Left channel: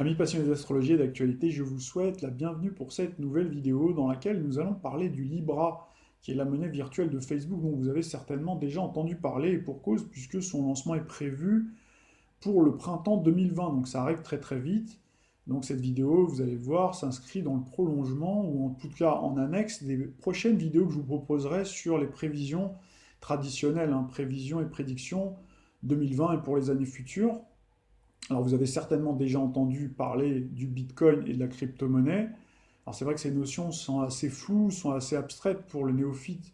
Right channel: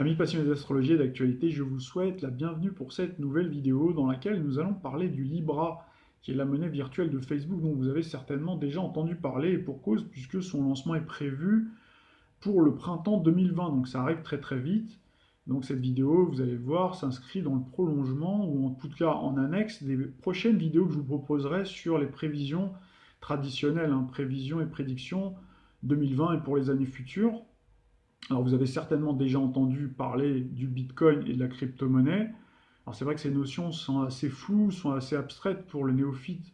Amis passionnés d'astrologie et d'actualité, je vous souhaite la bienvenue pour cette nouvelle vidéo dans laquelle nous allons parler du Libra, qui est la monnaie virtuelle de Facebook dont vous avez certainement déjà entendu parler et pour cause puisque son lancement est prévu pour le printemps 2020, donc ça arrive très très vite. Donc cette vidéo, vous allez voir, s'inscrit dans le prolongement ou en tout cas en annexe des prochaines vidéos que je vous proposerai sur les prévisions traditionnelles, prévisions et prédictions 2020 et pour les années futures. Alors vous avez certainement déjà entendu parler du Bitcoin et de la crypto-monnaie. Alors c'est vrai que ces notions sont assez floues, sont assez abstraites pour le néophyte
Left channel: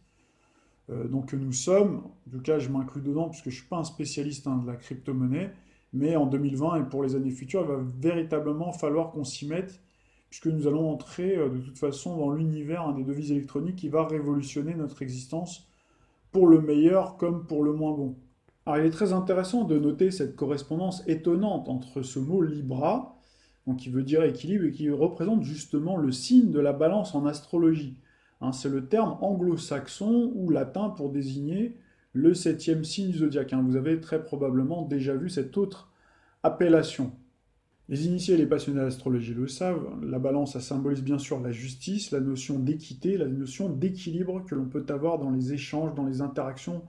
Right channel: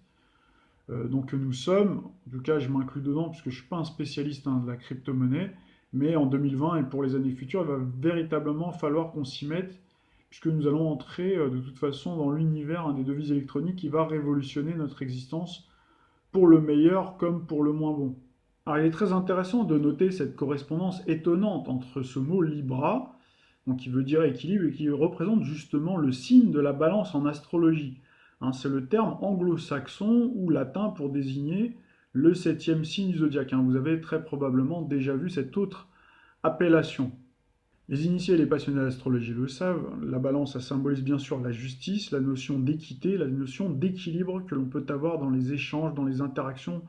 donc que nous sommes. En tout cas, je m'inclus dedans puisque je ne suis pas un spécialiste de la crypto-monnaie. Mais en 2020 et pour les années futures, il va véritablement falloir qu'on s'y mette puisque nous allons entrer de toute façon dans l'univers des devises électroniques qui va révolutionner notre existence pour le meilleur comme pour le moins bon. Alors, il est très intéressant de noter cette correspondance étonnante entre ce mot Libra, donc qui veut dire équilibre et qui représente justement le signe de la balance en astrologie. C'est le terme anglo-saxon ou latin pour désigner le septième signe du zodiaque. Vous avez très probablement déjà vu cette autre appellation. Les initiés et les passionnés d'astrologie le savent, la balance, ça symbolise bien sûr la justice, la notion d'équité, la notion d'équilibre que l'on peut avoir dans les échanges, dans les interactions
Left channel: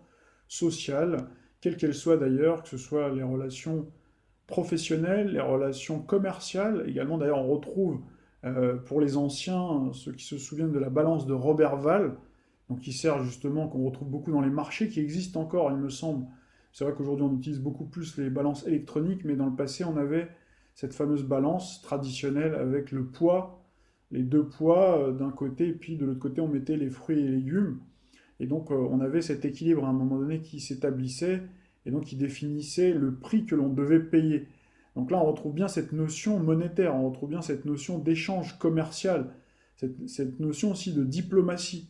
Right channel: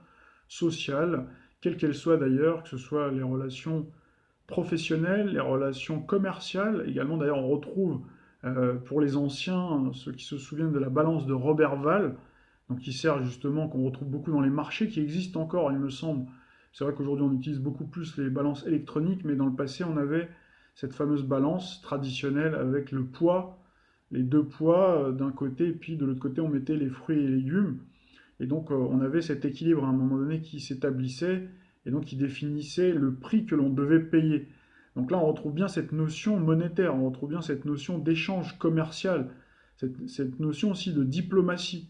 sociales, quelles qu'elles soient d'ailleurs, que ce soit les relations professionnelles, les relations commerciales. Également d'ailleurs on retrouve pour les anciens, ceux qui se souviennent de la balance de Robert Val, donc qui sert justement, qu'on retrouve beaucoup dans les marchés, qui existent encore il me semble. C'est vrai qu'aujourd'hui on utilise beaucoup plus les balances électroniques, mais dans le passé on avait cette fameuse balance traditionnelle avec le poids, les deux poids d'un côté, et puis de l'autre côté on mettait les fruits et les légumes. Et donc on avait cet équilibre à un moment donné qui s'établissait et donc qui définissait le prix que l'on devait payer. Donc là on retrouve bien cette notion monétaire, on retrouve bien cette notion d'échange commercial, cette notion aussi de diplomatie,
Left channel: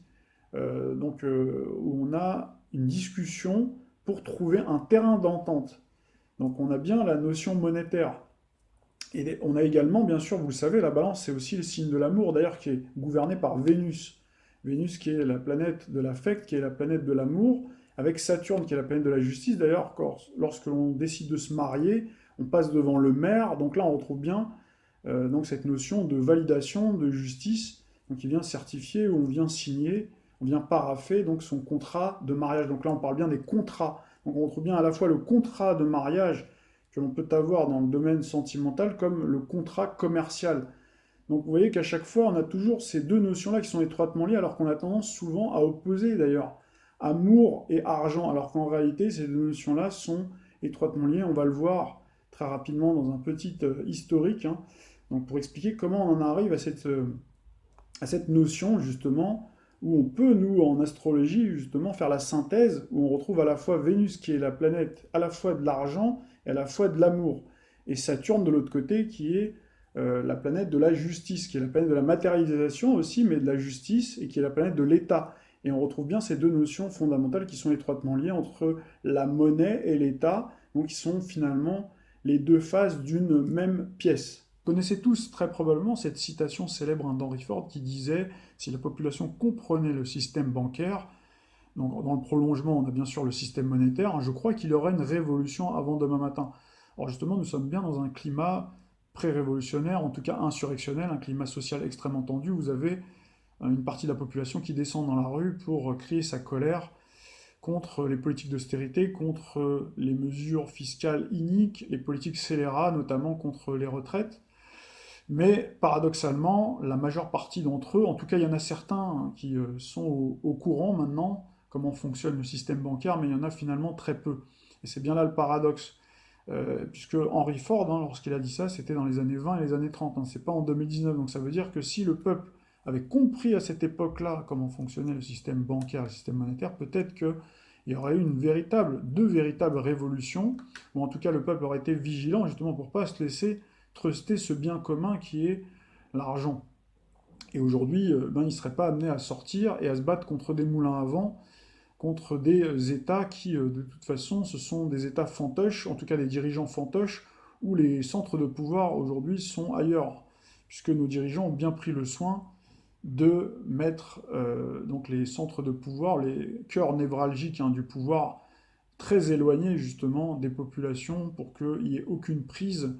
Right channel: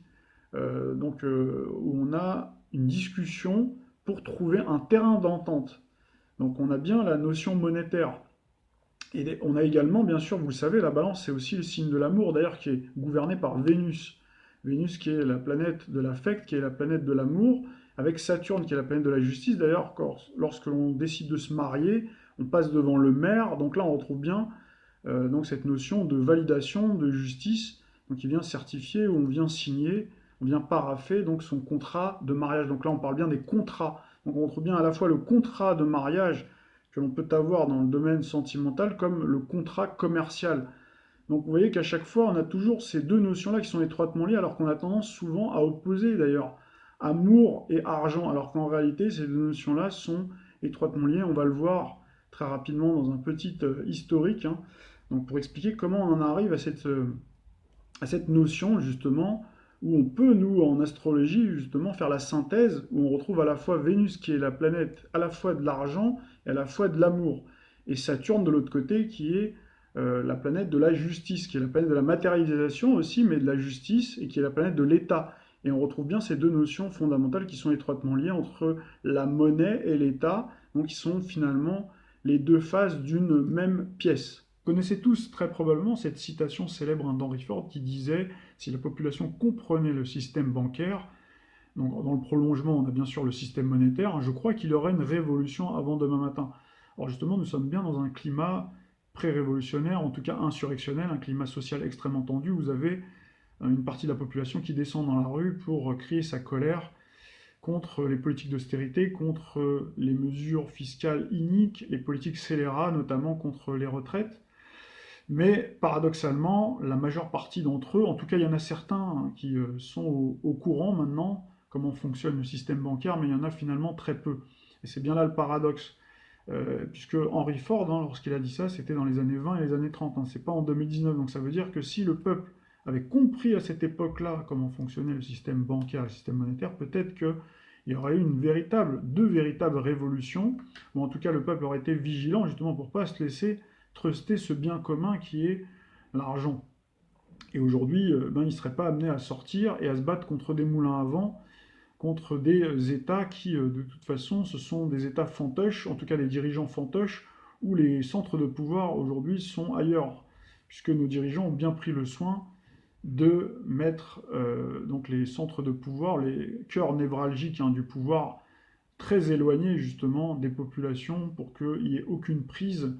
où on a une discussion pour trouver un terrain d'entente. Donc on a bien la notion monétaire. Et on a également, bien sûr, vous le savez, la balance, c'est aussi le signe de l'amour, d'ailleurs, qui est gouverné par Vénus. Vénus qui est la planète de l'affect, qui est la planète de l'amour, avec Saturne qui est la planète de la justice. D'ailleurs, lorsque l'on décide de se marier, on passe devant le maire. Donc là, on retrouve bien donc cette notion de validation, de justice, donc il vient certifier ou on vient signer, on vient parapher donc son contrat de mariage. Donc là, on parle bien des contrats. Donc on retrouve bien à la fois le contrat de mariage que l'on peut avoir dans le domaine sentimental comme le contrat commercial. Donc vous voyez qu'à chaque fois, on a toujours ces deux notions-là qui sont étroitement liées, alors qu'on a tendance souvent à opposer d'ailleurs amour et argent, alors qu'en réalité, ces deux notions-là sont étroitement liées. On va le voir très rapidement dans un petit historique, donc pour expliquer comment on en arrive à cette notion justement où on peut, nous, en astrologie, justement, faire la synthèse, où on retrouve à la fois Vénus, qui est la planète à la fois de l'argent et à la fois de l'amour, et Saturne de l'autre côté, qui est la planète de la justice, qui est la planète de la matérialisation aussi, mais de la justice, et qui est la planète de l'État. Et on retrouve bien ces deux notions fondamentales qui sont étroitement liées entre la monnaie et l'État, donc qui sont finalement les deux faces d'une même pièce. Vous connaissez tous très probablement cette citation célèbre d'Henry Ford qui disait si la population comprenait le système bancaire, donc dans le prolongement, on a bien sûr le système monétaire, je crois qu'il y aurait une révolution avant demain matin. Alors justement, nous sommes bien dans un climat pré-révolutionnaire, en tout cas insurrectionnel, un climat social extrêmement tendu. Vous avez une partie de la population qui descend dans la rue pour crier sa colère contre les politiques d'austérité, contre les mesures fiscales iniques, les politiques scélérates, notamment contre les retraites. Mais paradoxalement, la majeure partie d'entre eux, en tout cas il y en a certains qui sont au courant maintenant comment fonctionne le système bancaire, mais il y en a finalement très peu. Et c'est bien là le paradoxe. Puisque Henry Ford, lorsqu'il a dit ça, c'était dans les années 20 et les années 30, c'est pas en 2019. Donc ça veut dire que si le peuple avait compris à cette époque-là comment fonctionnait le système bancaire, le système monétaire, peut-être qu'il y aurait eu deux véritables révolutions, ou en tout cas le peuple aurait été vigilant justement pour ne pas se laisser truster ce bien commun qui est l'argent. Et aujourd'hui, il ne serait pas amené à sortir et à se battre contre des moulins à vent, contre des États qui, de toute façon, ce sont des États fantoches, en tout cas des dirigeants fantoches, où les centres de pouvoir aujourd'hui sont ailleurs, puisque nos dirigeants ont bien pris le soin de mettre donc les centres de pouvoir, les cœurs névralgiques du pouvoir, très éloignés justement des populations pour qu'il n'y ait aucune prise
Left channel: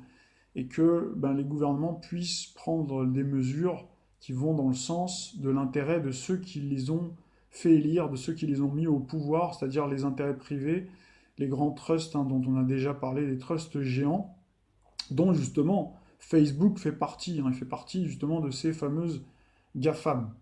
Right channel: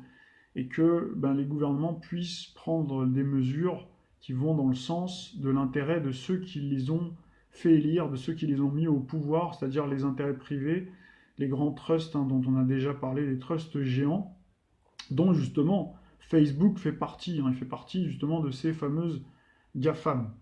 et que les gouvernements puissent prendre des mesures qui vont dans le sens de l'intérêt de ceux qui les ont fait élire, de ceux qui les ont mis au pouvoir, c'est-à-dire les intérêts privés, les grands trusts dont on a déjà parlé, les trusts géants, dont justement Facebook fait partie. Il fait partie justement de ces fameuses GAFAM.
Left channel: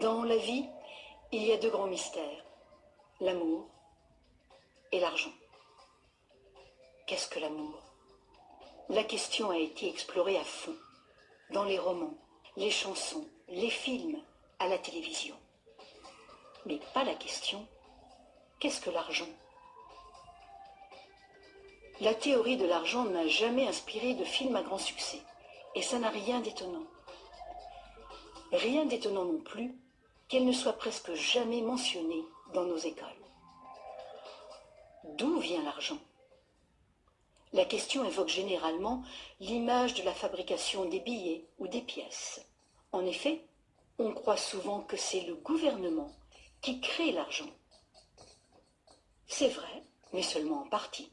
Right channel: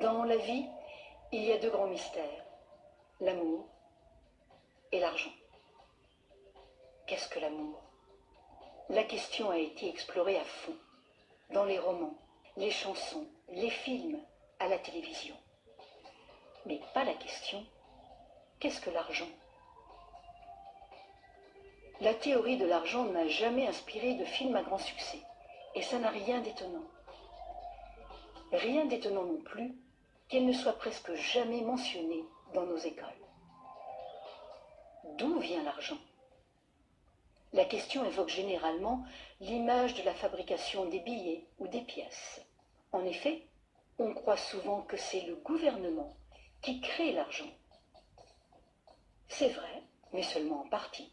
Dans la vie, il y a deux grands mystères, l'amour et l'argent. Qu'est-ce que l'amour? La question a été explorée à fond, dans les romans, les chansons, les films, à la télévision. Mais pas la question, qu'est-ce que l'argent? La théorie de l'argent n'a jamais inspiré de film à grand succès, et ça n'a rien d'étonnant. Rien d'étonnant non plus qu'elle ne soit presque jamais mentionnée dans nos écoles. D'où vient l'argent? La question évoque généralement l'image de la fabrication des billets ou des pièces. En effet, on croit souvent que c'est le gouvernement qui crée l'argent. C'est vrai, mais seulement en partie.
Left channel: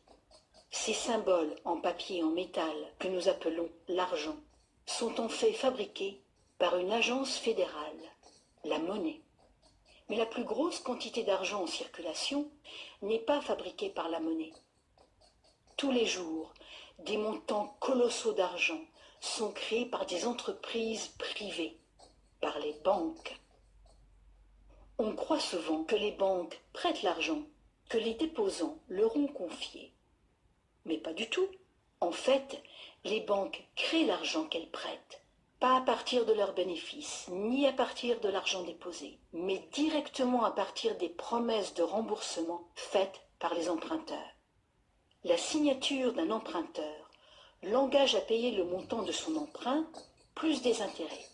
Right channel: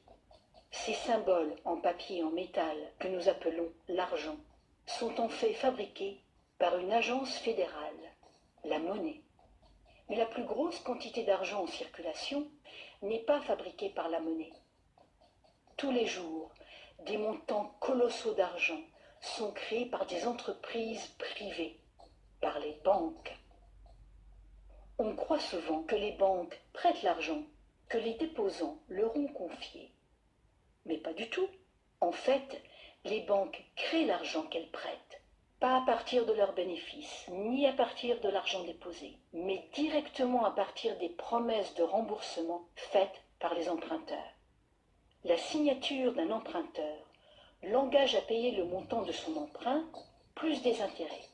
Ces symboles en papier et en métal que nous appelons l'argent sont en fait fabriqués par une agence fédérale, la monnaie. Mais la plus grosse quantité d'argent en circulation n'est pas fabriquée par la monnaie. Tous les jours, des montants colossaux d'argent sont créés par des entreprises privées, par les banques. On croit souvent que les banques prêtent l'argent, que les déposants leur ont confié. Mais pas du tout. En fait, les banques créent l'argent qu'elles prêtent, pas à partir de leurs bénéfices, ni à partir de l'argent déposé, mais directement à partir des promesses de remboursement faites par les emprunteurs. La signature d'un emprunteur l'engage à payer le montant de son emprunt plus des intérêts.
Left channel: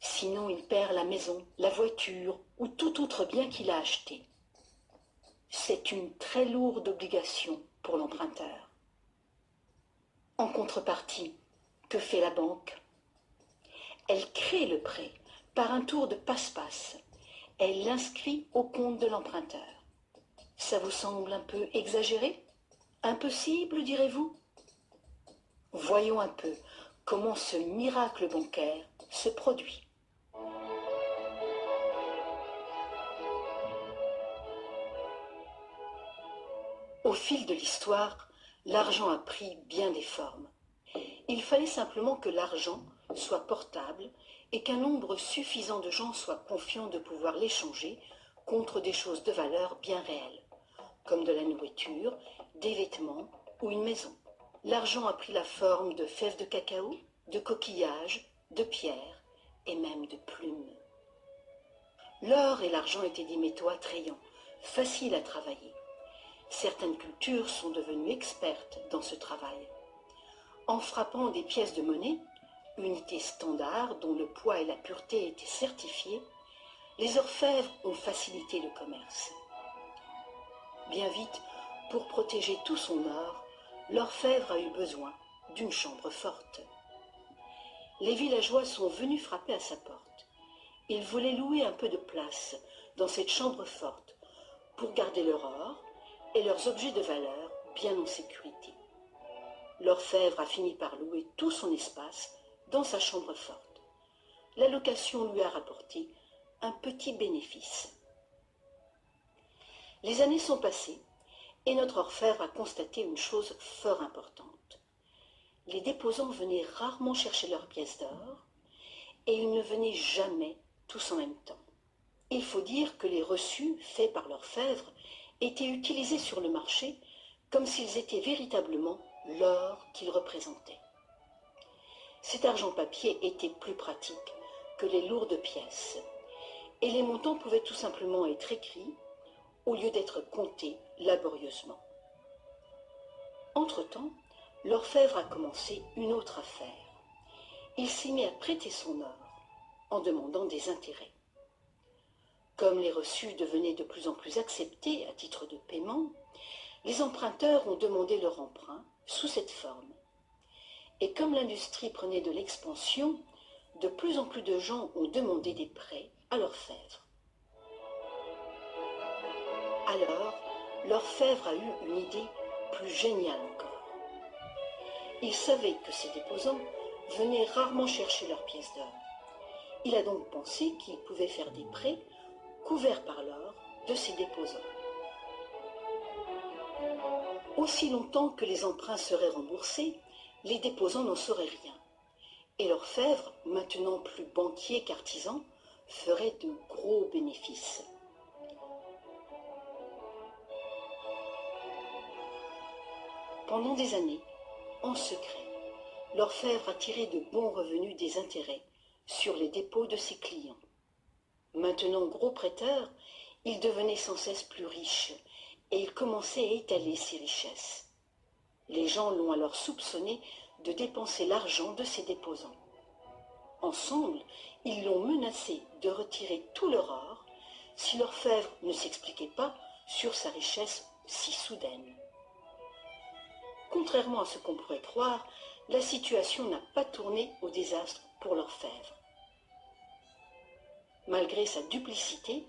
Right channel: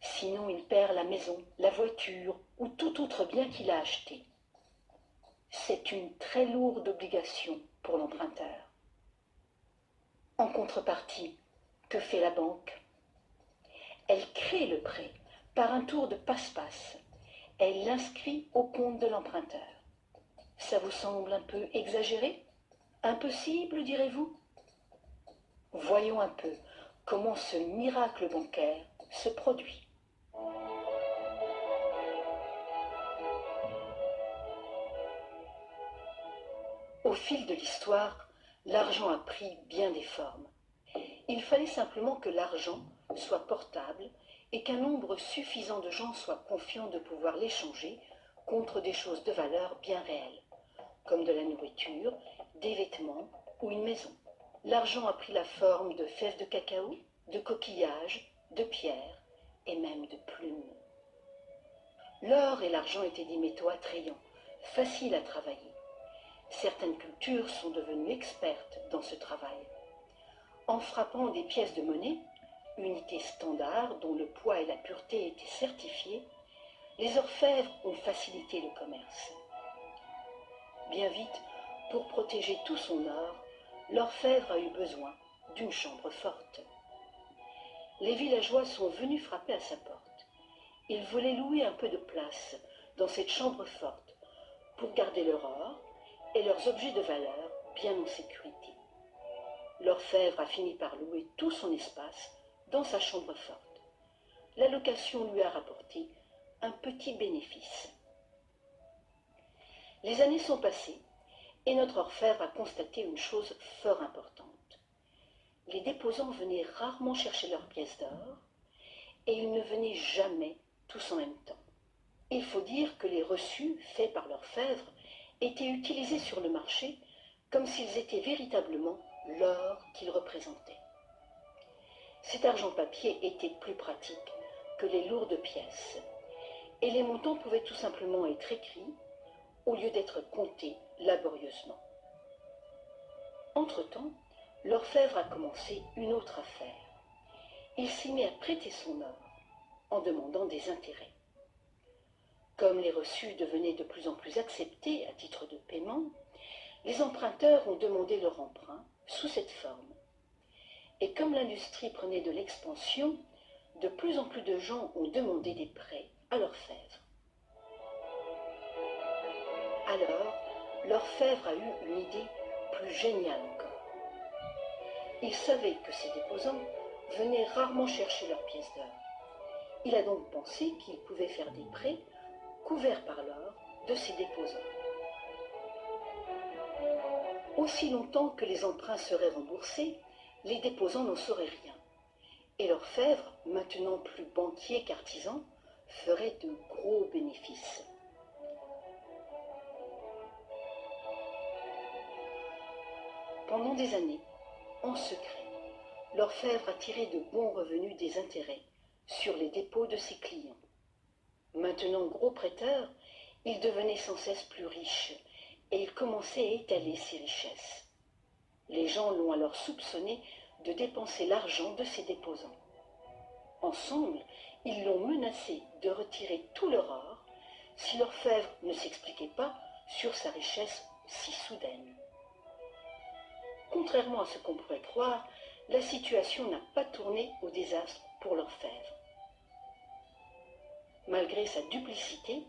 Sinon, il perd la maison, la voiture ou tout autre bien qu'il a acheté. C'est une très lourde obligation pour l'emprunteur. En contrepartie, que fait la banque? Elle crée le prêt par un tour de passe-passe. Elle l'inscrit au compte de l'emprunteur. Ça vous semble un peu exagéré? Impossible, direz-vous? Voyons un peu comment ce miracle bancaire se produit. Au fil de l'histoire, l'argent a pris bien des formes. Il fallait simplement que l'argent soit portable et qu'un nombre suffisant de gens soient confiants de pouvoir l'échanger contre des choses de valeur bien réelles, comme de la nourriture, des vêtements ou une maison. L'argent a pris la forme de fèves de cacao, de coquillages, de pierres et même de plumes. L'or et l'argent étaient des métaux attrayants, faciles à travailler. Certaines cultures sont devenues expertes dans ce travail. En frappant des pièces de monnaie, unité standard dont le poids et la pureté étaient certifiés, les orfèvres ont facilité le commerce. Bien vite, pour protéger tout son or, l'orfèvre a eu besoin d'une chambre forte. Les villageois sont venus frapper à sa porte. Ils voulaient louer un peu de place dans cette chambre forte pour garder leur or et leurs objets de valeur bien en sécurité. L'orfèvre a fini par louer tout son espace dans sa chambre forte. La location lui a rapporté un petit bénéfice. Les années sont passées et notre orfèvre a constaté une chose fort importante. Les déposants venaient rarement chercher leurs pièces d'or et ils ne venaient jamais tous en même temps. Il faut dire que les reçus faits par l'orfèvre étaient utilisés sur le marché comme s'ils étaient véritablement l'or qu'ils représentaient. Cet argent papier était plus pratique que les lourdes pièces et les montants pouvaient tout simplement être écrits au lieu d'être comptés laborieusement. Entre-temps, l'orfèvre a commencé une autre affaire. Il s'est mis à prêter son or en demandant des intérêts. Comme les reçus devenaient de plus en plus acceptés à titre de paiement, les emprunteurs ont demandé leur emprunt sous cette forme. Et comme l'industrie prenait de l'expansion, de plus en plus de gens ont demandé des prêts à l'orfèvre. Alors, l'orfèvre a eu une idée plus géniale encore. Il savait que ces déposants venaient rarement chercher leurs pièces d'or. Il a donc pensé qu'il pouvait faire des prêts couverts par l'or de ces déposants. Aussi longtemps que les emprunts seraient remboursés, les déposants n'en sauraient rien. Et l'orfèvre, maintenant plus banquier qu'artisan, ferait de gros bénéfices. Pendant des années, en secret, l'orfèvre a tiré de bons revenus des intérêts sur les dépôts de ses clients. Maintenant gros prêteur, il devenait sans cesse plus riche et il commençait à étaler ses richesses. Les gens l'ont alors soupçonné de dépenser l'argent de ses déposants. Ensemble, ils l'ont menacé de retirer tout leur or si l'orfèvre ne s'expliquait pas sur sa richesse si soudaine. Contrairement à ce qu'on pourrait croire, la situation n'a pas tourné au désastre pour l'orfèvre. Malgré sa duplicité,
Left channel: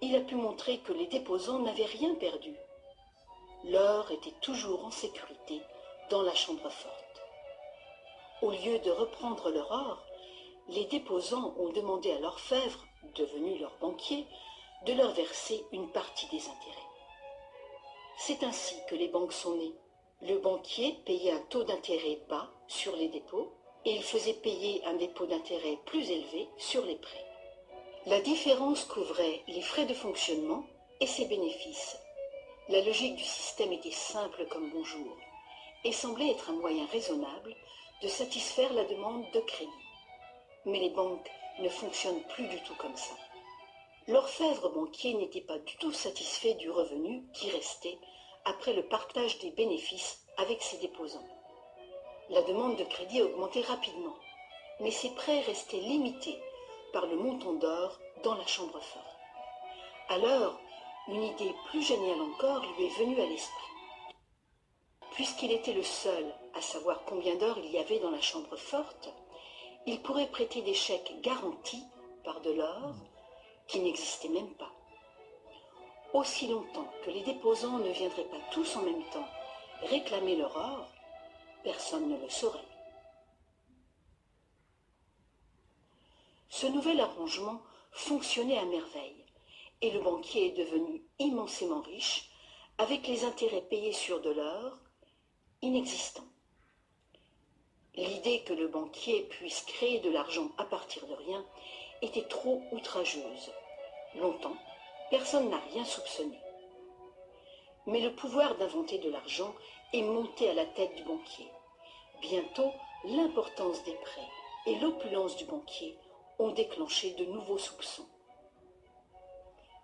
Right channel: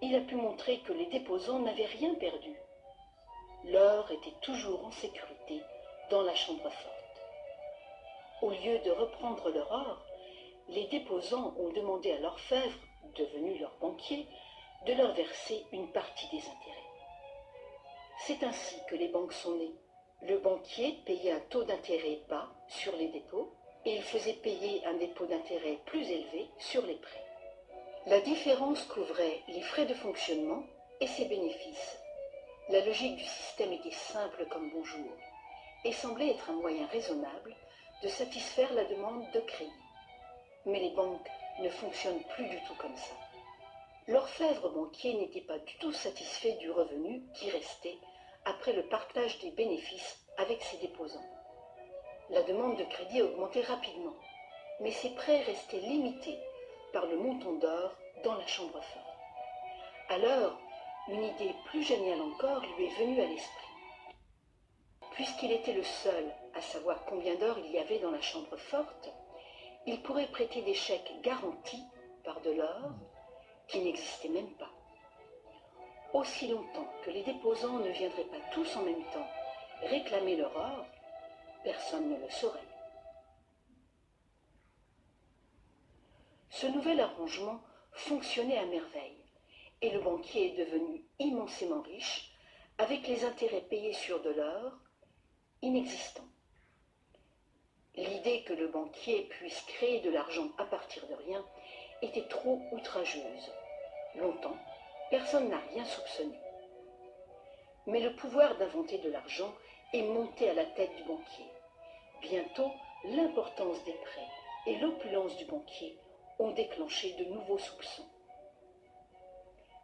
il a pu montrer que les déposants n'avaient rien perdu. L'or était toujours en sécurité dans la chambre forte. Au lieu de reprendre leur or, les déposants ont demandé à l'orfèvre, devenu leur banquier, de leur verser une partie des intérêts. C'est ainsi que les banques sont nées. Le banquier payait un taux d'intérêt bas sur les dépôts et il faisait payer un dépôt d'intérêt plus élevé sur les prêts. La différence couvrait les frais de fonctionnement et ses bénéfices. La logique du système était simple comme bonjour et semblait être un moyen raisonnable de satisfaire la demande de crédit. Mais les banques ne fonctionnent plus du tout comme ça. L'orfèvre banquier n'était pas du tout satisfait du revenu qui restait après le partage des bénéfices avec ses déposants. La demande de crédit augmentait rapidement, mais ses prêts restaient limités par le montant d'or dans la chambre forte. Alors, une idée plus géniale encore lui est venue à l'esprit. Puisqu'il était le seul à savoir combien d'or il y avait dans la chambre forte, il pourrait prêter des chèques garantis par de l'or qui n'existait même pas. Aussi longtemps que les déposants ne viendraient pas tous en même temps réclamer leur or, personne ne le saurait. Ce nouvel arrangement fonctionnait à merveille et le banquier est devenu immensément riche avec les intérêts payés sur de l'or inexistant. L'idée que le banquier puisse créer de l'argent à partir de rien était trop outrageuse. Longtemps, personne n'a rien soupçonné. Mais le pouvoir d'inventer de l'argent est monté à la tête du banquier. Bientôt, l'importance des prêts et l'opulence du banquier ont déclenché de nouveaux soupçons.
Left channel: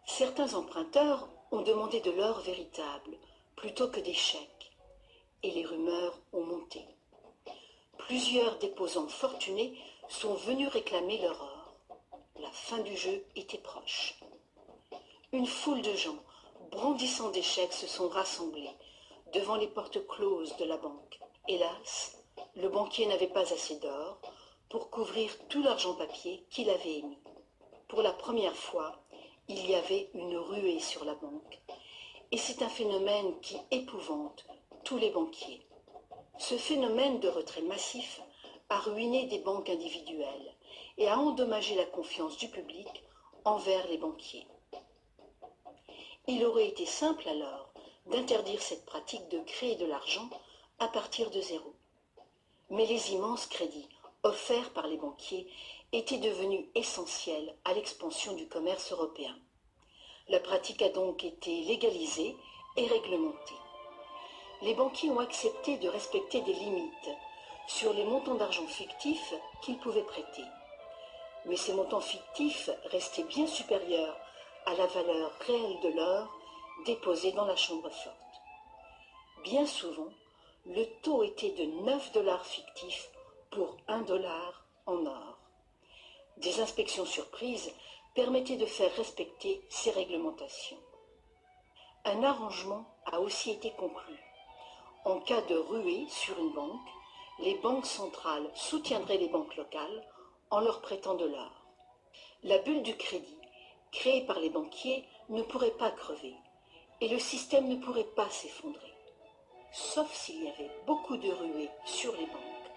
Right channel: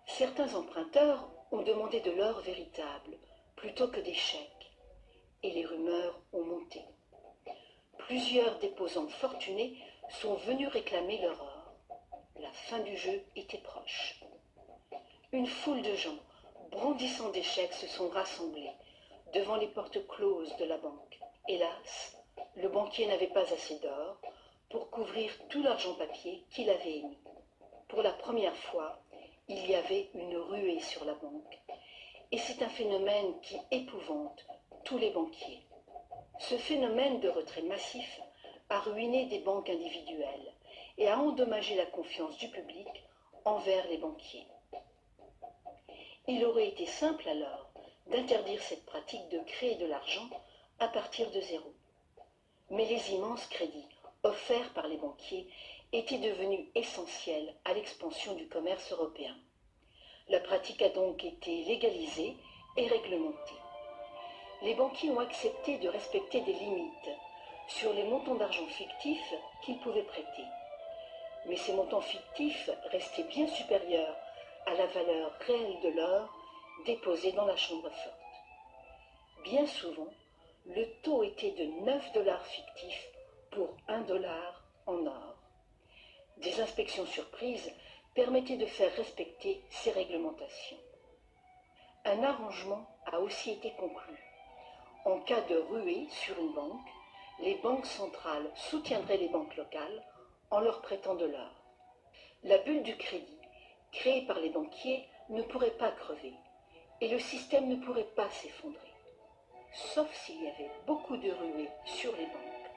Certains emprunteurs ont demandé de l'or véritable plutôt que des chèques, et les rumeurs ont monté. Plusieurs déposants fortunés sont venus réclamer leur or. La fin du jeu était proche. Une foule de gens, brandissant des chèques, se sont rassemblés devant les portes closes de la banque. Hélas, le banquier n'avait pas assez d'or pour couvrir tout l'argent papier qu'il avait émis. pour la première fois, il y avait une ruée sur la banque. Et c'est un phénomène qui épouvante tous les banquiers. Ce phénomène de retrait massif a ruiné des banques individuelles et a endommagé la confiance du public envers les banquiers. Il aurait été simple alors d'interdire cette pratique de créer de l'argent à partir de zéro. Mais les immenses crédits offerts par les banquiers étaient devenus essentiels à l'expansion du commerce européen. La pratique a donc été légalisée et réglementée. Les banquiers ont accepté de respecter des limites sur les montants d'argent fictifs qu'ils pouvaient prêter. Mais ces montants fictifs restaient bien supérieurs à la valeur réelle de l'or déposé dans la chambre forte. Bien souvent, le taux était de 9 dollars fictifs pour 1 dollar en or. Des inspections surprises permettaient de faire respecter ces réglementations. Un arrangement a aussi été conclu. En cas de ruée sur une banque, les banques centrales soutiendraient les banques locales en leur prêtant de l'or. La bulle du crédit, créée par les banquiers, ne pourrait pas crever et le système ne pourrait pas s'effondrer, sauf s'il y avait beaucoup de ruées sur les banques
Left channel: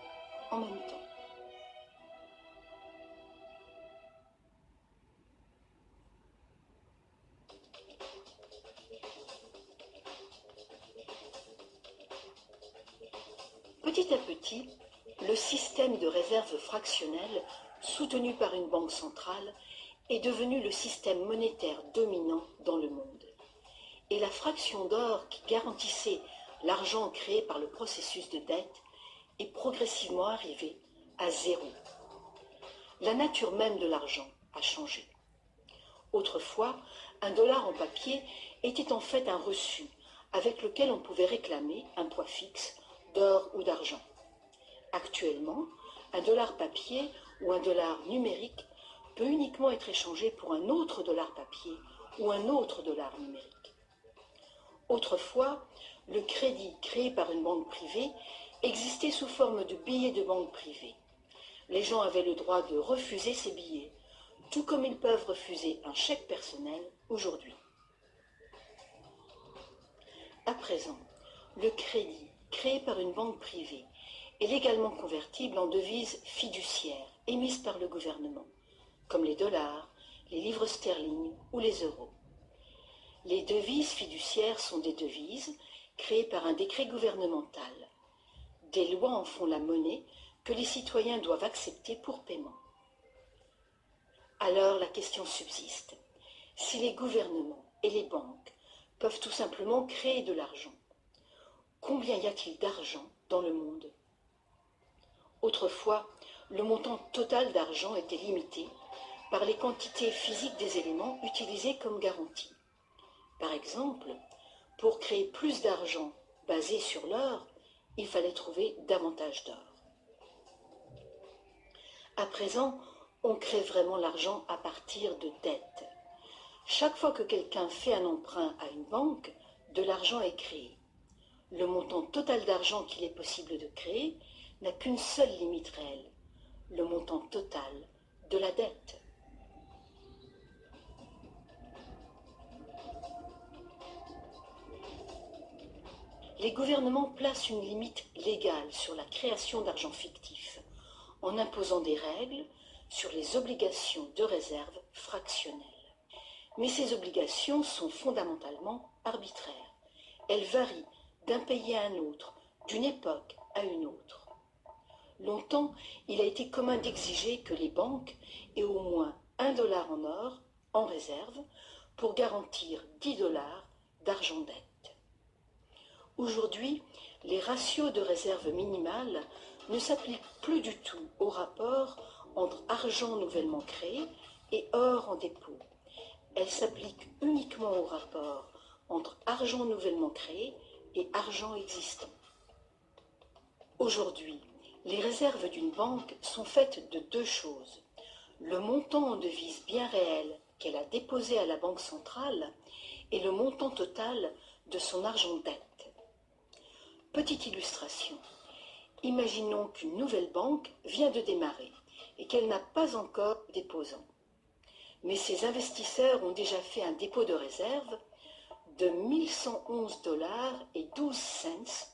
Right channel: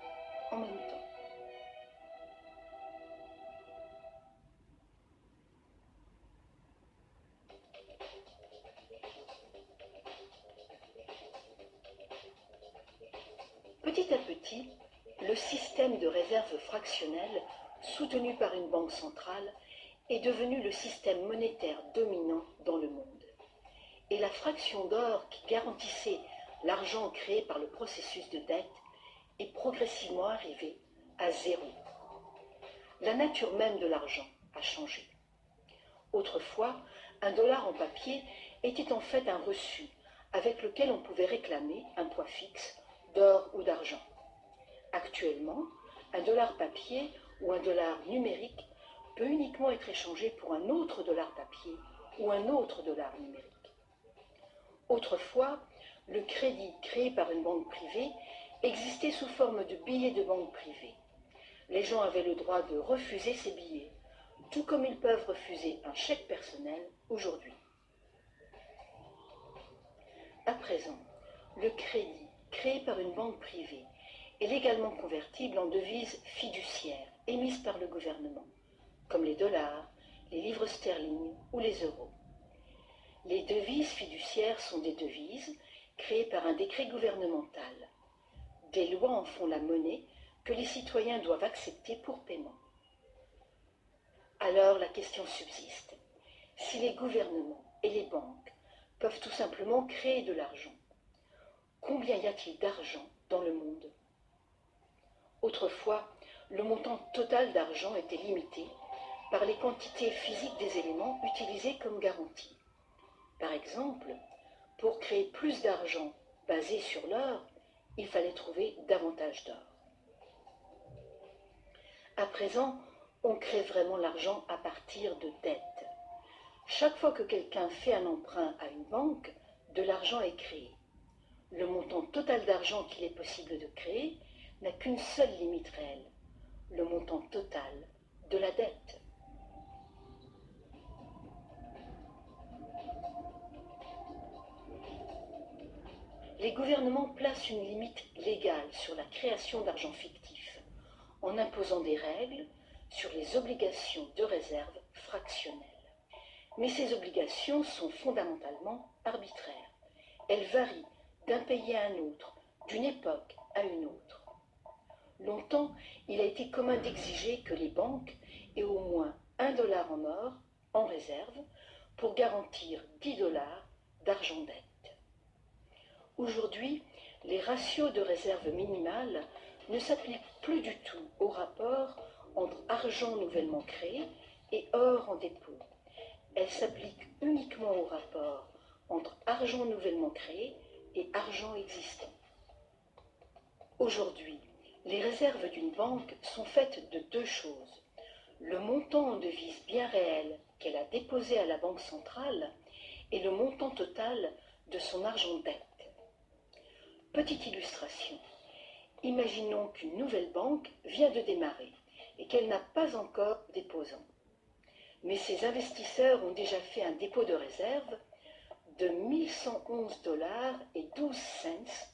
en même temps. Petit à petit, le système de réserve fractionnelle, soutenu par une banque centrale, est devenu le système monétaire dominant dans le monde. Et la fraction d'or qui garantissait l'argent créé par le processus de dette est progressivement arrivée à zéro. La nature même de l'argent a changé. Autrefois, un dollar en papier était en fait un reçu avec lequel on pouvait réclamer un poids fixe d'or ou d'argent. Actuellement, un dollar papier ou un dollar numérique peut uniquement être échangé pour un autre dollar papier ou un autre dollar numérique. Autrefois, le crédit créé par une banque privée existait sous forme de billets de banque privée. Les gens avaient le droit de refuser ces billets, tout comme ils peuvent refuser un chèque personnel aujourd'hui. À présent, le crédit créé par une banque privée est légalement convertible en devises fiduciaires émises par le gouvernement, comme les dollars, les livres sterling ou les euros. Les devises fiduciaires sont des devises créées par un décret gouvernemental. Des lois en font la monnaie que les citoyens doivent accepter pour paiement. Alors la question subsiste. Si les gouvernements et les banques peuvent tout simplement créer de l'argent, combien y a-t-il d'argent dans le monde? Autrefois, le montant total d'argent était limité par les quantités physiques des éléments utilisés comme garantie. Par exemple, pour créer plus d'argent basé sur l'or, il fallait trouver davantage d'or. À présent, on crée vraiment l'argent à partir de dettes. Chaque fois que quelqu'un fait un emprunt à une banque, de l'argent est créé. Le montant total d'argent qu'il est possible de créer n'a qu'une seule limite réelle, le montant total de la dette. Les gouvernements placent une limite légale sur la création d'argent fictif, en imposant des règles sur les obligations de réserve fractionnelles. Mais ces obligations sont fondamentalement arbitraires. Elles varient d'un pays à un autre, d'une époque à une autre. Longtemps, il a été commun d'exiger que les banques aient au moins 1 dollar en or en réserve pour garantir 10 dollars d'argent dette. Aujourd'hui, les ratios de réserve minimale ne s'appliquent plus du tout au rapport entre argent nouvellement créé et or en dépôt. Elles s'appliquent uniquement au rapport entre argent nouvellement créé et argent existant. Aujourd'hui, les réserves d'une banque sont faites de deux choses. Le montant en devise bien réelle qu'elle a déposé à la banque centrale et le montant total de son argent dette. Petite illustration. Imaginons qu'une nouvelle banque vient de démarrer et qu'elle n'a pas encore de déposants. Mais ces investisseurs ont déjà fait un dépôt de réserve de 1111 dollars et 12 cents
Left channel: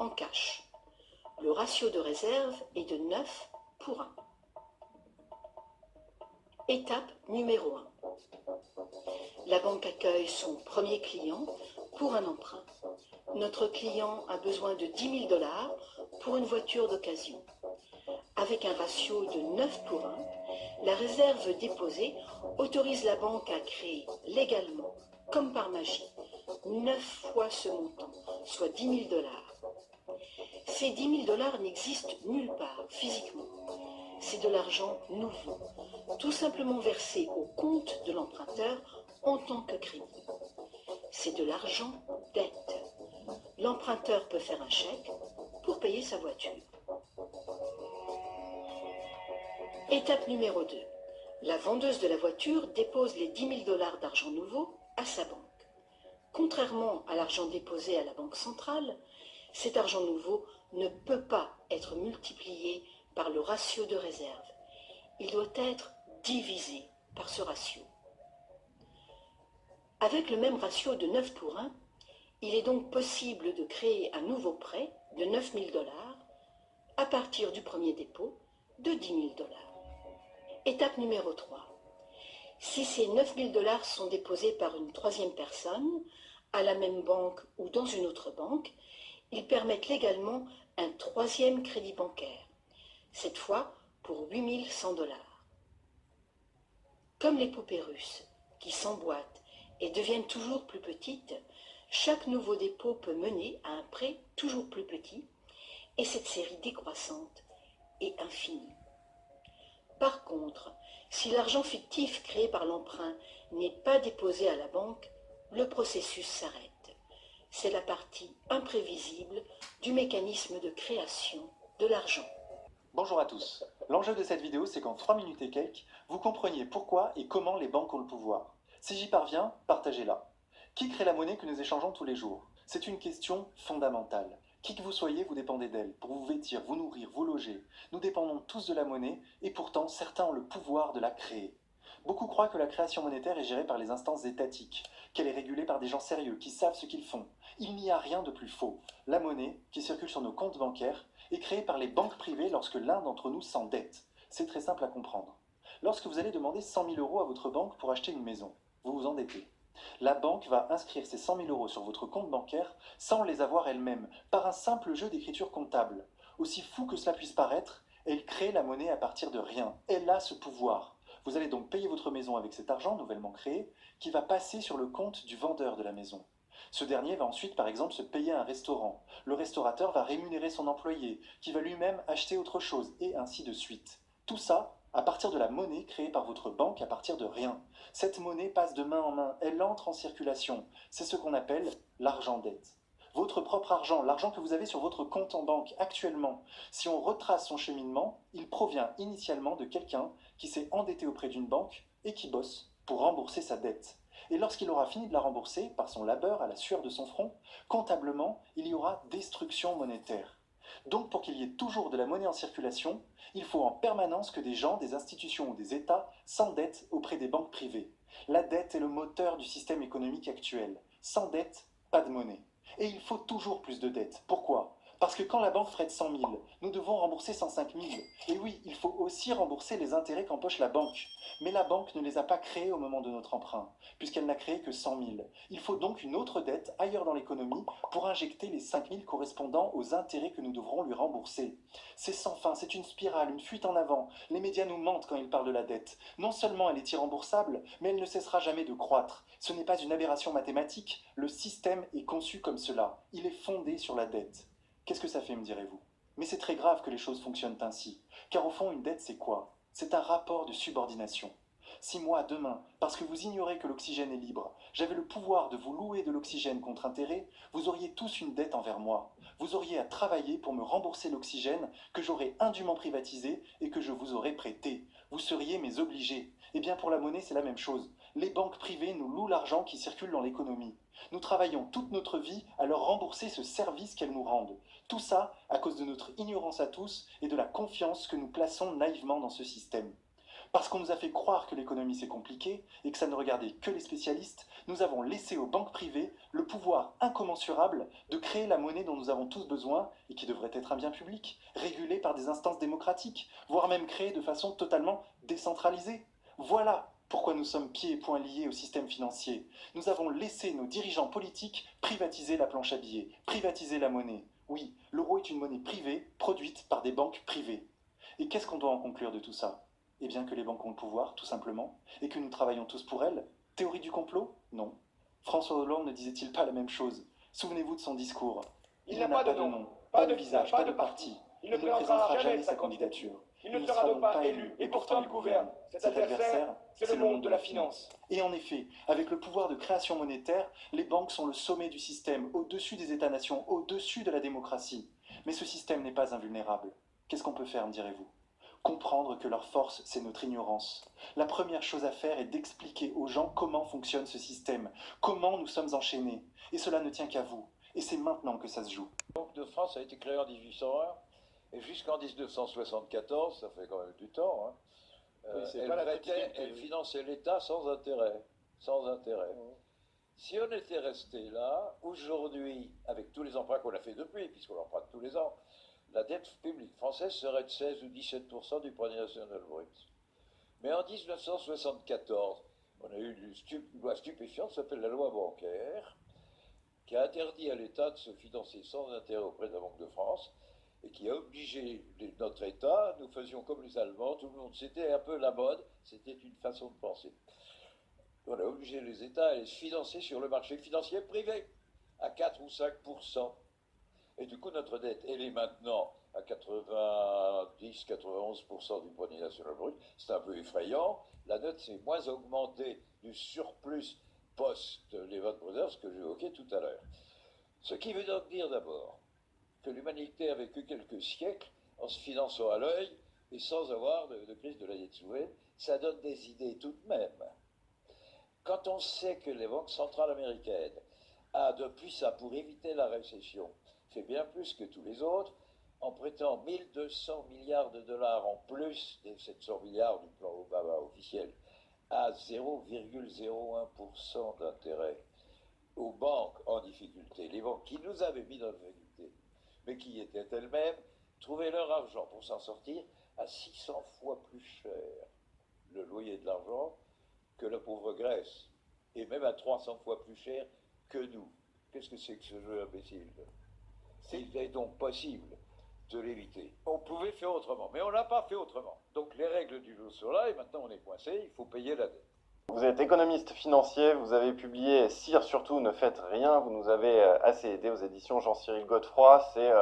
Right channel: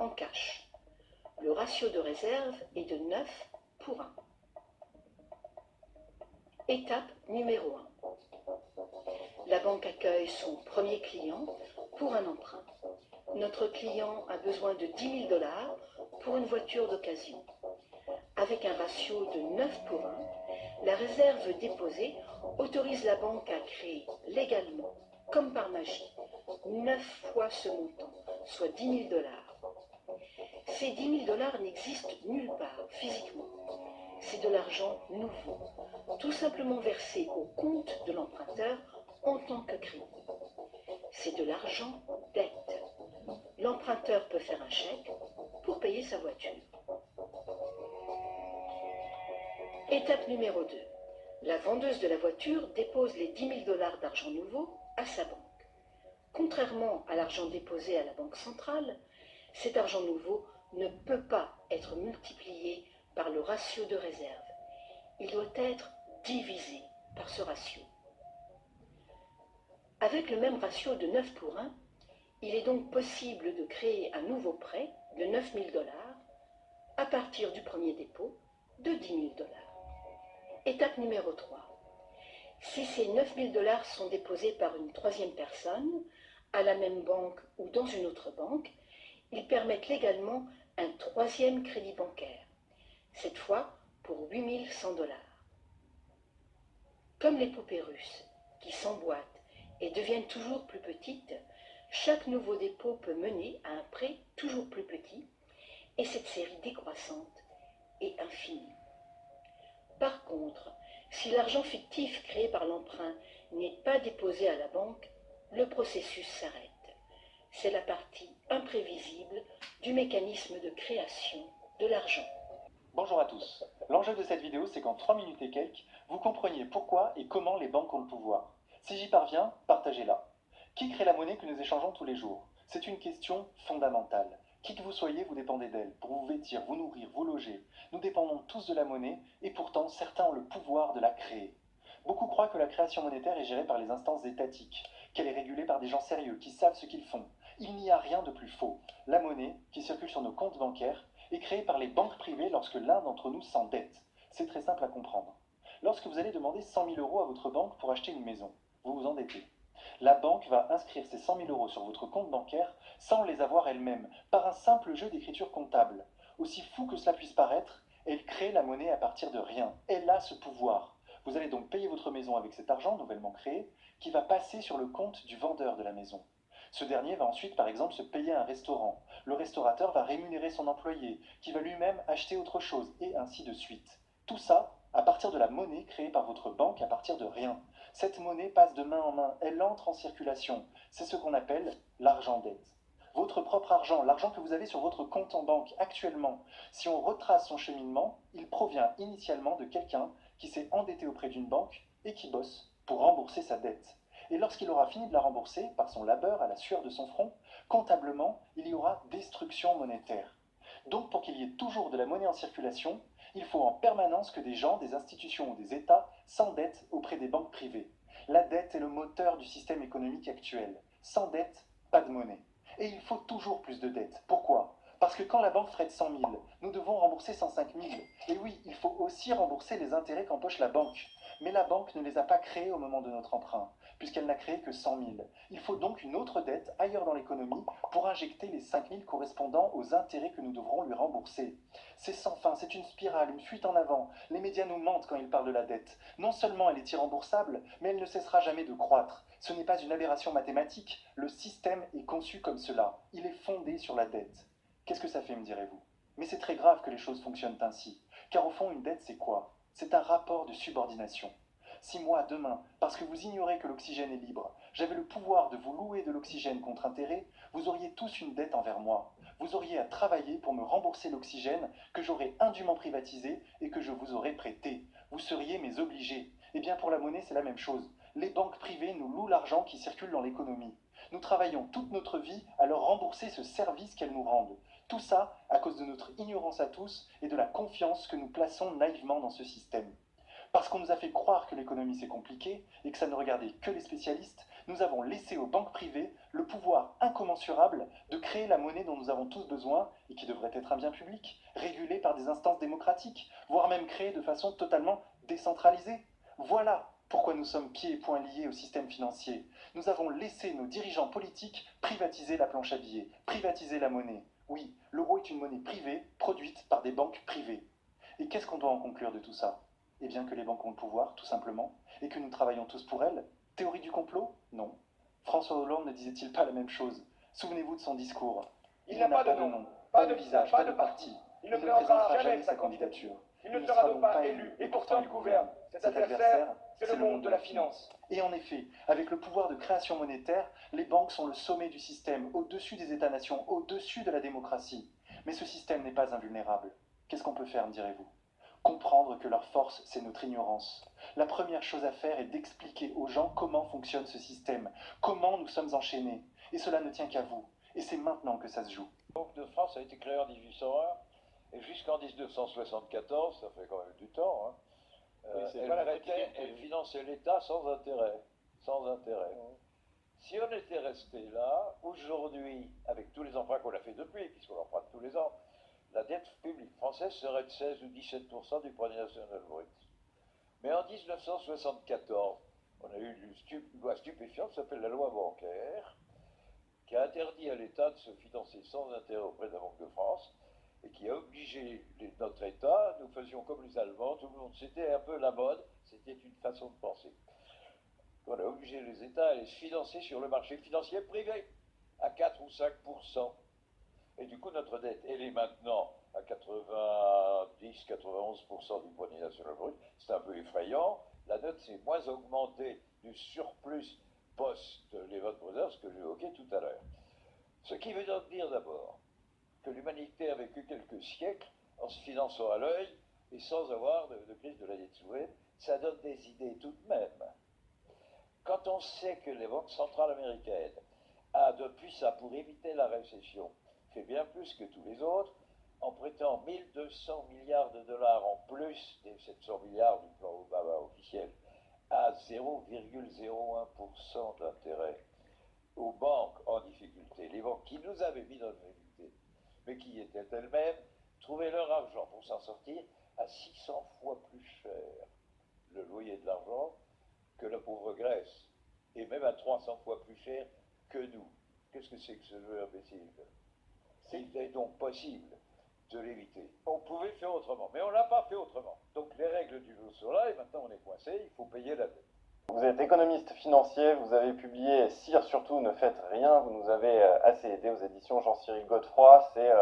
en cash. Le ratio de réserve est de 9 pour 1. Étape numéro 1. La banque accueille son premier client pour un emprunt. Notre client a besoin de 10 000 dollars pour une voiture d'occasion. Avec un ratio de 9 pour 1, la réserve déposée autorise la banque à créer légalement, comme par magie, 9 fois ce montant, soit 10 000 dollars. Ces 10 000 dollars n'existent nulle part physiquement. C'est de l'argent nouveau, tout simplement versé au compte de l'emprunteur en tant que crédit. C'est de l'argent dette. L'emprunteur peut faire un chèque pour payer sa voiture. Étape numéro 2. La vendeuse de la voiture dépose les 10 000 dollars d'argent nouveau à sa banque. Contrairement à l'argent déposé à la banque centrale, cet argent nouveau ne peut pas être multiplié par le ratio de réserve. Il doit être divisé par ce ratio. Avec le même ratio de 9 pour 1, il est donc possible de créer un nouveau prêt de 9 000 dollars à partir du premier dépôt de 10 000 dollars. Étape numéro 3. Si ces 9 000 dollars sont déposés par une troisième personne, à la même banque ou dans une autre banque, ils permettent légalement un troisième crédit bancaire, cette fois pour 8 100 dollars. Comme les poupées russes, qui s'emboîtent et deviennent toujours plus petites, chaque nouveau dépôt peut mener à un prêt toujours plus petit, et cette série décroissante est infinie. Par contre, si l'argent fictif créé par l'emprunt n'est pas déposé à la banque, le processus s'arrête. C'est la partie imprévisible du mécanisme de création de l'argent. Bonjour à tous. L'enjeu de cette vidéo, c'est qu'en 3 minutes et quelques, vous compreniez pourquoi et comment les banques ont le pouvoir. Si j'y parviens, partagez-la. Qui crée la monnaie que nous échangeons tous les jours? C'est une question fondamentale. Qui que vous soyez, vous dépendez d'elle, pour vous vêtir, vous nourrir, vous loger. Nous dépendons tous de la monnaie, et pourtant certains ont le pouvoir de la créer. Beaucoup croient que la création monétaire est gérée par les instances étatiques, qu'elle est régulée par des gens sérieux, qui savent ce qu'ils font. Il n'y a rien de plus faux. La monnaie, qui circule sur nos comptes bancaires, est créée par les banques privées lorsque l'un d'entre nous s'endette. C'est très simple à comprendre. Lorsque vous allez demander 100 000 euros à votre banque pour acheter une maison, vous vous endettez. La banque va inscrire ces 100 000 euros sur votre compte bancaire sans les avoir elle-même, par un simple jeu d'écriture comptable. Aussi fou que cela puisse paraître, elle crée la monnaie à partir de rien. Elle a ce pouvoir. Vous allez donc payer votre maison avec cet argent nouvellement créé qui va passer sur le compte du vendeur de la maison. Ce dernier va ensuite par exemple se payer un restaurant. Le restaurateur va rémunérer son employé qui va lui-même acheter autre chose et ainsi de suite. Tout ça à partir de la monnaie créée par votre banque à partir de rien. Cette monnaie passe de main en main, elle entre en circulation. C'est ce qu'on appelle l'argent dette. Votre propre argent, l'argent que vous avez sur votre compte en banque actuellement, si on retrace son cheminement, il provient initialement de quelqu'un qui s'est endetté auprès d'une banque et qui bosse pour rembourser sa dette. Et lorsqu'il aura fini de la rembourser, par son labeur à la sueur de son front, comptablement, il y aura destruction monétaire. Donc pour qu'il y ait toujours de la monnaie en circulation, il faut en permanence que des gens, des institutions ou des États s'endettent auprès des banques privées. La dette est le moteur du système économique actuel. Sans dette, pas de monnaie. Et il faut toujours plus de dettes. Pourquoi? Parce que quand la banque prête 100 000, nous devons rembourser 105 000. Et oui, il faut aussi rembourser les intérêts qu'empoche la banque. Mais la banque ne les a pas créés au moment de notre emprunt, puisqu'elle n'a créé que 100 000. Il faut donc une autre dette ailleurs dans l'économie pour injecter les 5 000 correspondant aux intérêts que nous devrons lui rembourser. C'est sans fin, c'est une spirale, une fuite en avant. Les médias nous mentent quand ils parlent de la dette. Non seulement elle est irremboursable, mais elle ne cessera jamais de croître. Ce n'est pas une aberration mathématique, le système est conçu comme cela. Il est fondé sur la dette. Qu'est-ce que ça fait, me direz-vous? Mais c'est très grave que les choses fonctionnent ainsi. Car au fond, une dette, c'est quoi? C'est un rapport de subordination. Si moi, demain, parce que vous ignorez que l'oxygène est libre, j'avais le pouvoir de vous louer de l'oxygène contre intérêt, vous auriez tous une dette envers moi. Vous auriez à travailler pour me rembourser l'oxygène que j'aurais indûment privatisé et que je vous aurais prêté. Vous seriez mes obligés. Eh bien pour la monnaie, c'est la même chose. Les banques privées nous louent l'argent qui circule dans l'économie. Nous travaillons toute notre vie à leur rembourser ce service qu'elles nous rendent. Tout ça à cause de notre ignorance à tous et de la confiance que nous plaçons naïvement dans ce système. Parce qu'on nous a fait croire que l'économie c'est compliqué et que ça ne regardait que les spécialistes, nous avons laissé aux banques privées le pouvoir incommensurable de créer la monnaie dont nous avons tous besoin et qui devrait être un bien public, régulé par des instances démocratiques, voire même créé de façon totalement décentralisée. Voilà pourquoi nous sommes pieds et poings liés au système financier. Nous avons laissé nos dirigeants politiques privatiser la planche à billets, privatiser la monnaie. Oui, l'euro est une monnaie privée, produite par des banques privées. Et qu'est-ce qu'on doit en conclure de tout ça? Eh bien que les banques ont le pouvoir, tout simplement, et que nous travaillons tous pour elles. Théorie du complot? Non. François Hollande ne disait-il pas la même chose? Souvenez-vous de son discours. Il n'a pas de nom, pas de visage, pas de parti. Il ne présentera jamais sa candidature. Il ne sera donc pas élu, et pourtant il gouverne. Cet adversaire, c'est le monde de la finance. Et en effet, avec le pouvoir de création monétaire, les banques sont le sommet du système, au-dessus des États-nations, au-dessus de la démocratie. Mais ce système n'est pas invulnérable. Qu'est-ce qu'on peut faire, me direz-vous? Comprendre que leur force, c'est notre ignorance. La première chose à faire est d'expliquer aux gens comment fonctionne ce système, comment nous sommes enchaînés. Et cela ne tient qu'à vous. Et c'est maintenant que ça se joue. La Banque de France a été créée en 1801 et jusqu'en 1974, ça fait quand même du temps, elle prêtait, elle finançait l'État sans intérêt. Sans intérêt. Si on était resté là, aujourd'hui, avec tous les emprunts qu'on a fait depuis, puisqu'on emprunte tous les ans, la dette publique française serait de 16 ou 17% du produit national brut. Mais en 1974, on a eu une loi stupéfiante, ça s'appelle la loi bancaire, qui a interdit à l'État de se financer sans intérêt auprès de la Banque de France, et qui a obligé notre État, nous faisions comme les Allemands, tout le monde, c'était un peu la mode, c'était une façon de penser. On a obligé les États à aller se financer sur le marché financier privé, à 4 ou 5%. Et du coup, notre dette, elle est maintenant à 90-91% du produit national brut. C'est un peu effrayant. La dette s'est moins augmentée du surplus post-Lehman Brothers que j'évoquais tout à l'heure. Ce qui veut donc dire d'abord que l'humanité a vécu quelques siècles en se finançant à l'œil et sans avoir de crise de la dette souveraine. Ça donne des idées tout de même. Quand on sait que les banques centrales américaines a, depuis ça, pour éviter la récession, fait bien plus que tous les autres, en prêtant 1200 milliards de dollars en plus des 700 milliards du plan Obama officiel, à 0,01% d'intérêt aux banques en difficulté, les banques qui nous avaient mis dans la difficulté, mais qui étaient elles-mêmes, trouvaient leur argent pour s'en sortir à 600 fois plus cher le loyer de l'argent que la pauvre Grèce, et même à 300 fois plus cher que nous. Qu'est-ce que c'est que ce jeu imbécile? Il est donc possible de l'éviter. On pouvait faire autrement, mais on n'a pas fait autrement. Donc les règles du jeu sont là, et maintenant on est coincé, il faut payer la dette. Vous êtes économiste financier, vous avez publié Sire surtout ne faites rien, vous nous avez assez aidé aux éditions Jean-Cyril Godefroy, c'est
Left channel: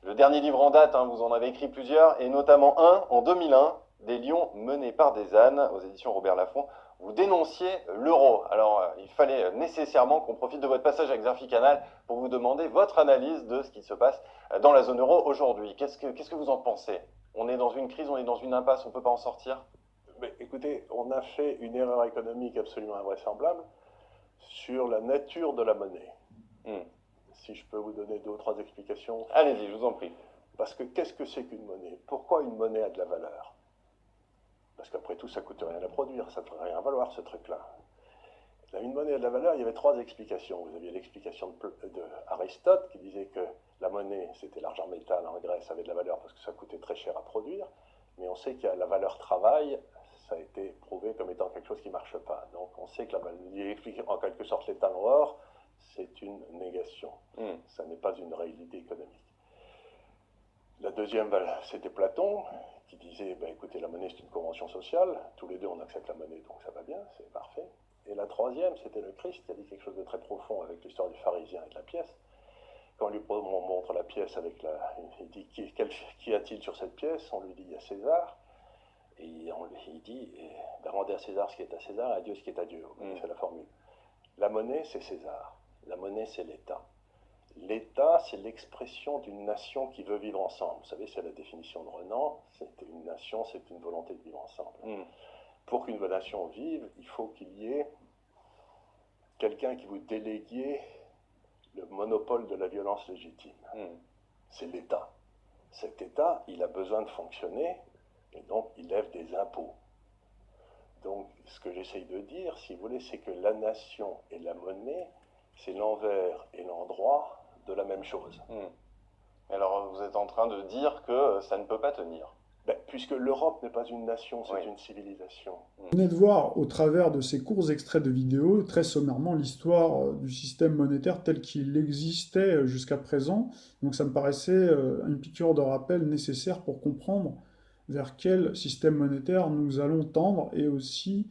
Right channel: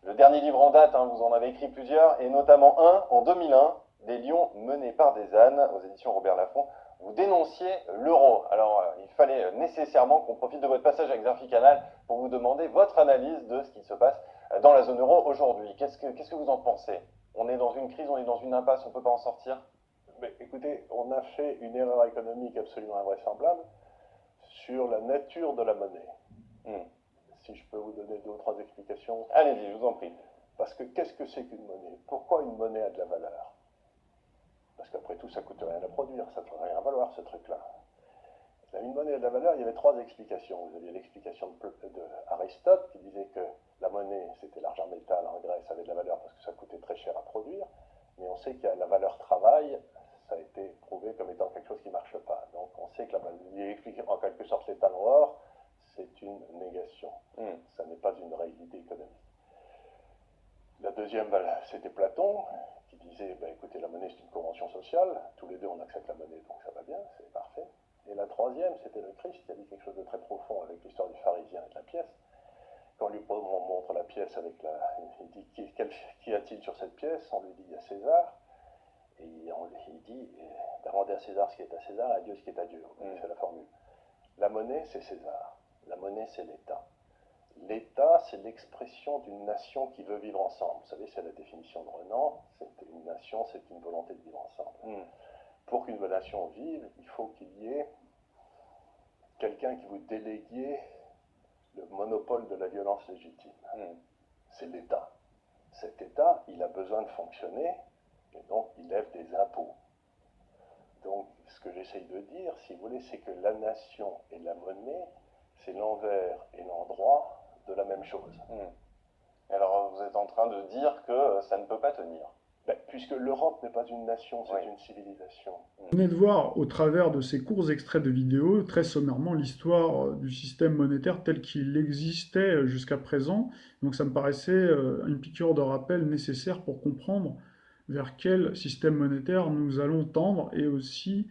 le dernier livre en date, vous en avez écrit plusieurs, et notamment un en 2001, Des lions menés par des ânes, aux éditions Robert Laffont. Vous dénonciez l'euro. Alors il fallait nécessairement qu'on profite de votre passage avec Xerfi Canal pour vous demander votre analyse de ce qui se passe dans la zone euro aujourd'hui. Qu'est-ce que vous en pensez? On est dans une crise, on est dans une impasse, on ne peut pas en sortir? Mais écoutez, on a fait une erreur économique absolument invraisemblable sur la nature de la monnaie. Si je peux vous donner 2 ou 3 explications. Allez-y, je vous en prie. Parce que qu'est-ce que c'est qu'une monnaie? Pourquoi une monnaie a de la valeur? Parce qu'après tout, ça ne coûte rien à produire, ça ne peut rien valoir ce truc-là. Une monnaie a de la valeur, il y avait 3 explications. Vous aviez l'explication d'Aristote qui disait que la monnaie, c'était l'argent métal en Grèce, avait de la valeur parce que ça coûtait très cher à produire. Mais on sait qu'il y a la valeur travail, ça a été prouvé comme étant quelque chose qui ne marche pas. Donc on sait que il explique en quelque sorte l'état en or, c'est une négation. Ça n'est pas une réalité économique. La deuxième, c'était Platon, qui disait, écoutez, la monnaie c'est une convention sociale, tous les deux on accepte la monnaie, donc ça va bien, c'est parfait. Et la troisième, c'était le Christ, qui a dit quelque chose de très profond avec l'histoire du pharisien et de la pièce. Quand on lui montre la pièce avec il dit, qui a-t-il sur cette pièce? On lui dit, il y a César. Et il dit, rendez à César ce qui est à César, et à Dieu ce qui est à Dieu. C'est la formule. La monnaie, c'est César. La monnaie, c'est l'État. L'État, c'est l'expression d'une nation qui veut vivre ensemble. Vous savez, c'est la définition de Renan. C'est une nation, c'est une volonté de vivre ensemble. Pour qu'une nation vive, il faut qu'il y ait quelqu'un qui vous délégue le monopole de la violence légitime. C'est l'État. Cet État, il a besoin de fonctionner, et donc il lève des impôts. ce que j'essaye de dire, si vous voulez, c'est que la nation et la monnaie, c'est l'envers et l'endroit de la même chose. Et alors, vous êtes en train de dire que ça ne peut pas tenir. Ben, puisque l'Europe n'est pas une nation, c'est une civilisation. Vous venez de voir, au travers de ces courts extraits de vidéos, très sommairement, l'histoire du système monétaire tel qu'il existait jusqu'à présent. Donc ça me paraissait une piqûre de rappel nécessaire pour comprendre vers quel système monétaire nous allons tendre, et aussi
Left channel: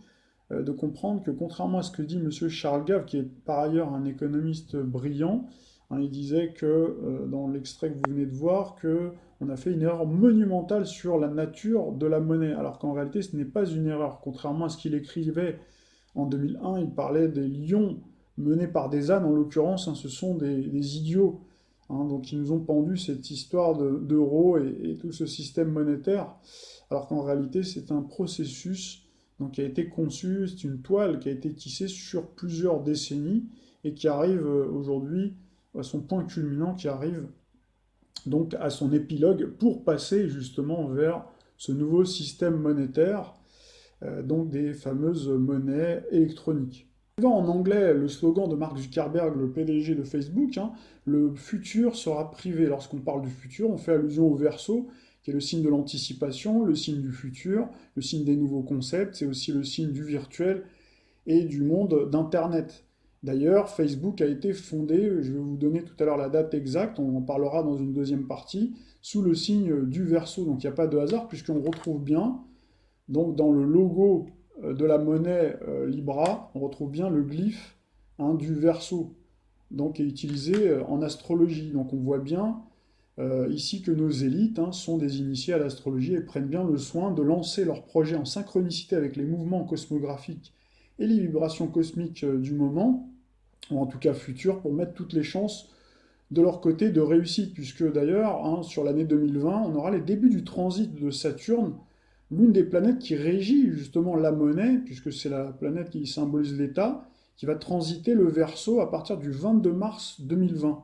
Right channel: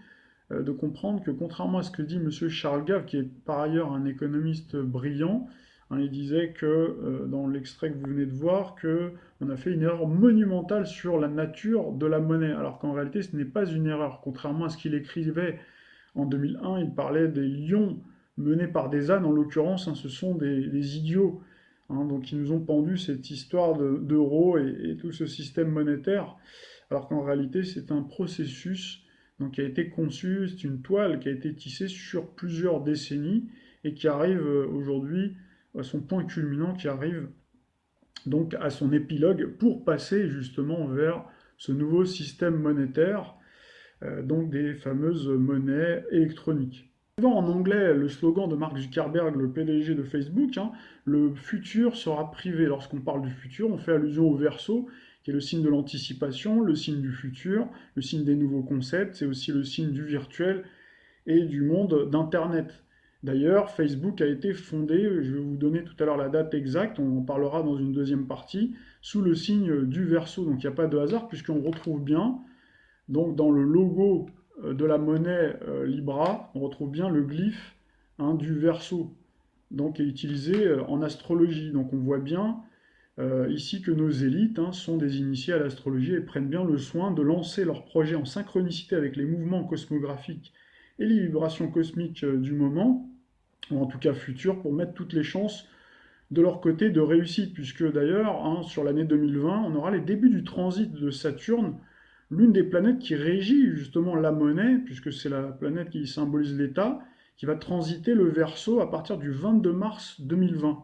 de comprendre que, contrairement à ce que dit M. Charles Gave, qui est par ailleurs un économiste brillant, il disait que, dans l'extrait que vous venez de voir, qu'on a fait une erreur monumentale sur la nature de la monnaie, alors qu'en réalité ce n'est pas une erreur. Contrairement à ce qu'il écrivait en 2001, il parlait des lions menés par des ânes, en l'occurrence, ce sont des idiots. Donc ils nous ont pendu cette histoire d'euros et tout ce système monétaire, alors qu'en réalité c'est un processus donc, qui a été conçu, c'est une toile qui a été tissée sur plusieurs décennies et qui arrive aujourd'hui à son point culminant, qui arrive donc à son épilogue pour passer justement vers ce nouveau système monétaire, donc des fameuses monnaies électroniques. En anglais, le slogan de Mark Zuckerberg, le PDG de Facebook, le futur sera privé. Lorsqu'on parle du futur, on fait allusion au Verseau, qui est le signe de l'anticipation, le signe du futur, le signe des nouveaux concepts, c'est aussi le signe du virtuel et du monde d'Internet. D'ailleurs, Facebook a été fondé, je vais vous donner tout à l'heure la date exacte, on en parlera dans une deuxième partie, sous le signe du Verseau. Donc il n'y a pas de hasard, puisqu'on retrouve bien, donc dans le logo de la monnaie Libra, on retrouve bien le glyphe du Verseau, donc qui est utilisé en astrologie. Donc on voit bien ici que nos élites sont des initiés à l'astrologie et prennent bien le soin de lancer leurs projets en synchronicité avec les mouvements cosmographiques et les vibrations cosmiques du moment, ou en tout cas futures, pour mettre toutes les chances de leur côté de réussite, puisque d'ailleurs, sur l'année 2020, on aura les débuts du transit de Saturne, l'une des planètes qui régit justement la monnaie, puisque c'est la planète qui symbolise l'État, qui va transiter le Verseau à partir du 22 mars 2020.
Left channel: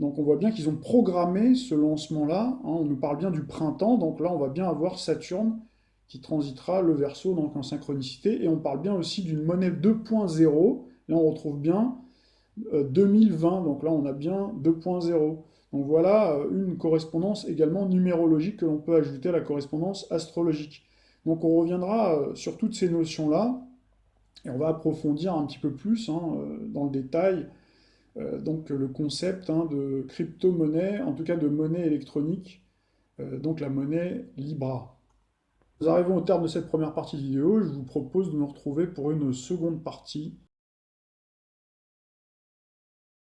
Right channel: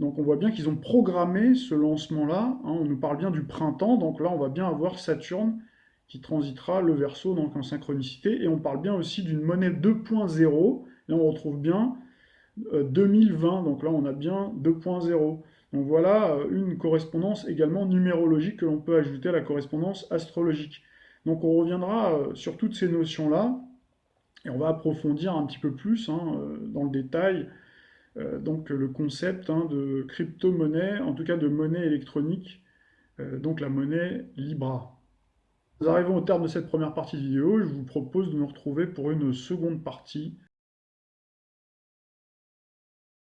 Donc on voit bien qu'ils ont programmé ce lancement-là, on nous parle bien du printemps, donc là on va bien avoir Saturne qui transitera le Verseau donc en synchronicité, et on parle bien aussi d'une monnaie 2.0, là on retrouve bien 2020, donc là on a bien 2.0. Donc voilà une correspondance également numérologique que l'on peut ajouter à la correspondance astrologique. Donc on reviendra sur toutes ces notions-là, et on va approfondir un petit peu plus dans le détail donc le concept de crypto-monnaie, en tout cas de monnaie électronique, donc la monnaie Libra. Nous arrivons au terme de cette première partie de vidéo, je vous propose de nous retrouver pour une seconde partie